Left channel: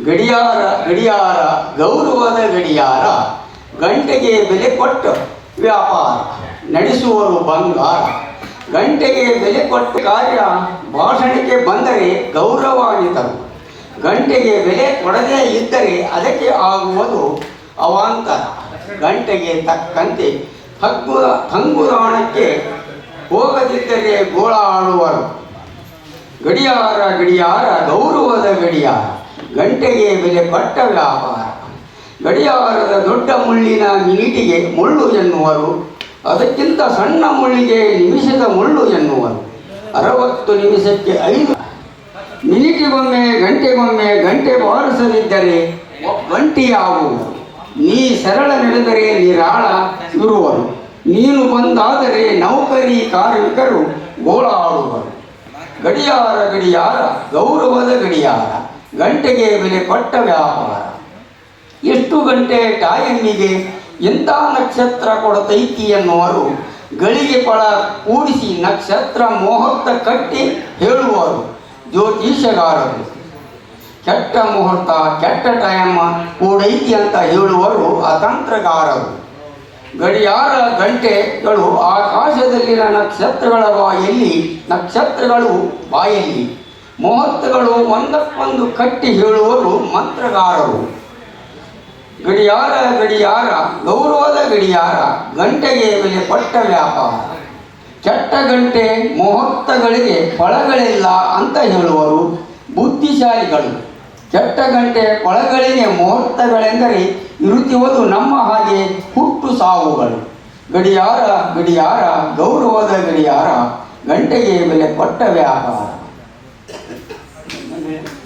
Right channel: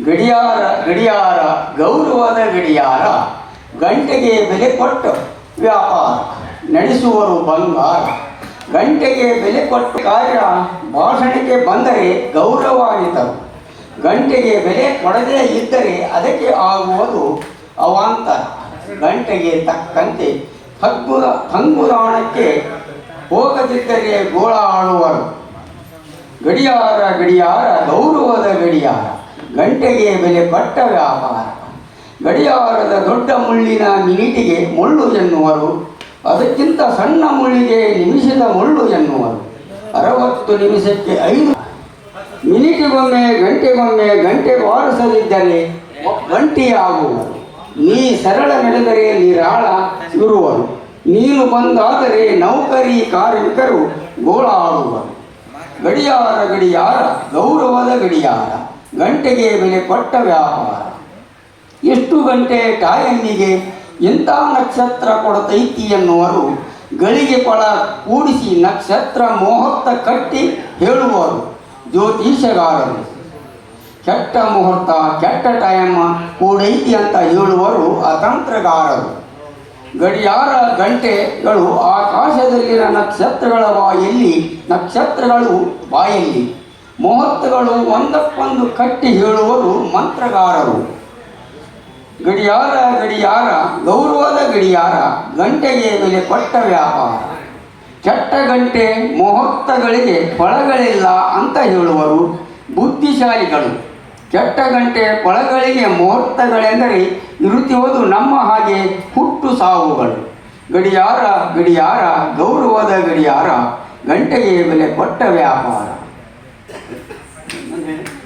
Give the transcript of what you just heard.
ಗಡಿಯಾರ ಗಡಿಯಾರ, ಗೌರವದ ಗಡಿಯಾರ, ಗಂಟೆಗೆ ಬೆಲೆ ಕೊಟ್ಟು ವ್ಯಾಪಾರ, ನಡೆಸುವರು ಬಂಗಾರ. ಗಂಟೆಗೆ ಬೆಲೆ ಕೊಟ್ಟ ಕಾರ್ಯ ಭಾಷಣಕ್ಕೆ ಬಂದರೆ ಗೌರವಾನ್ವಿತರು. ಗಂಟೆಗೆ ಬೆಲೆ ಕೊಡದೇ ಇದ್ದರೆ ಅದಕ್ಕೆ ಆಗುವುದು ಅವಾಂತರ. ಗಂಟೆಗೆ ತಕ್ಕಂತೆ ಹಗ್ಗುರ, ಹಂಗುರಾಣಕ್ಕೆ ಹೋಗದಿದ್ದರೆ ಗೋಳಾಡುವರು. ಗಡಿಯಾರ ಗಡಿಯಾರ, ಗೌರವದ ಗಡಿಯಾರ. ಗಂಟೆಗೆ ಬೆಲೆ ಕೊಟ್ಟ ವ್ಯಾಪಾರ. ಗಡಿಯಾರದ ದೊಡ್ಡ ಮುಳ್ಳಿನ ಮಿನಿಟಿಗೆ ಮುಳ್ಳು ಎನ್ನುವರು. ಅದಕ್ಕಿಂತ ಸಣ್ಣ ಮುಳ್ಳಿಗೆ ನಿಮಿಷದ ಮುಳ್ಳು ಎನ್ನುವರು. ಅರವತ್ತು ನಿಮಿಷಕ್ಕೆ ಐದು. ಮಿನಿಟಿಗೊಮ್ಮೆ, ಗಂಟೆಗೊಮ್ಮೆ, ಗಂಟೆ ಬಾರಿಸದಿದ್ದರೆ ಗಂಟೆಯಾಗುವು ನೀ ಸರಳ ನಡೆದರೆ ನಿರಾಳ ಇರುವರು. ನೀನು ಬಂದಾದರೆ ನೌಕರಿ ಕಾರ್ಮಿಕರು ಗೋಳಾಡುವರು. ಗಡಿಯಾರ ಗಡಿಯಾರ, ಗೌರವದ ಗಡಿಯಾರ. ಗಂಟೆಗೆ ಬೆಲೆ ಕೊಟ್ಟ ವ್ಯಾಪಾರ ಎಷ್ಟು ಗಂಟೆ ಟಾಯನ್ನಿಗೆ ಎಂಥ ನಕ್ಷತ್ರ ಕೊಡತೈತಿ ಎನ್ನುವರು ಗಳಿಗೆ ಕೊಳ ಕೂಡಿಸಿ ನಕ್ಷತ್ರ ಮುಹೂರ್ತ ಕಟ್ಟಿ ಹೇಳುವರು ಜ್ಯೋತಿಷಗಾರರು ಕೆಟ್ಟ ಮುಹೂರ್ತ, ಕೆಟ್ಟ ಟೈಮ್ ಕೂಡೈತಿ ಅಂತ ಹೇಳುವರು ಅತಂತ್ರಗಾರರು. ಗಡಿಯಾರ ಗಂಟೆಗಳು ಆಕಾಶದಲ್ಲಿನ ನಕ್ಷತ್ರಗಳ ಬಾಯಲ್ಲಿ ನಕ್ಷತ್ರಗಳು ಬಾಯಲ್ಲಿ ಮುಹೂರ್ತಗಳು ಒಂದಕ್ಕೊಂದು ಕಟ್ಟಿ ಹೇಳುವರು ಮಂತ್ರಗಾರರು. ಗಡಿಯಾರ ಗಡಿಯಾರ, ಗೌರವದ ಗಡಿಯಾರ, ಗಂಟೆಗೆ ಮೇಲೆ ಕೊಟ್ಟ ವ್ಯಾಪಾರ. ಚಟ್ಟ ಗಂಟೆ ಮುಹೂರ್ತಗಳಿಗೆ ಫಳಗಳಿಲ್ಲ ಅಂತ ಹೇಳುವರು ಬುದ್ಧಿಶಾಲಿಗಳು. ಕೆಟ್ಟ ಗಂಟೆ ಫಳಗಳಿಗೆ ಮುಹೂರ್ತಗಳೆಂದರೆ ಇರುತ್ತಿರುವುದು ನಮ್ಮ ಹಾಗೆ ಹುಟ್ಟು ಸಾವುಗಳು. ಗಡಿಯಾರ ಗಡಿಯಾರ, ಗೌರವದ ಗಡಿಯಾರ, ಗಂಟೆಗೆ ಮೇಲೆ ಕೊಟ್ಟ ವ್ಯಾಪಾರ. Thank you.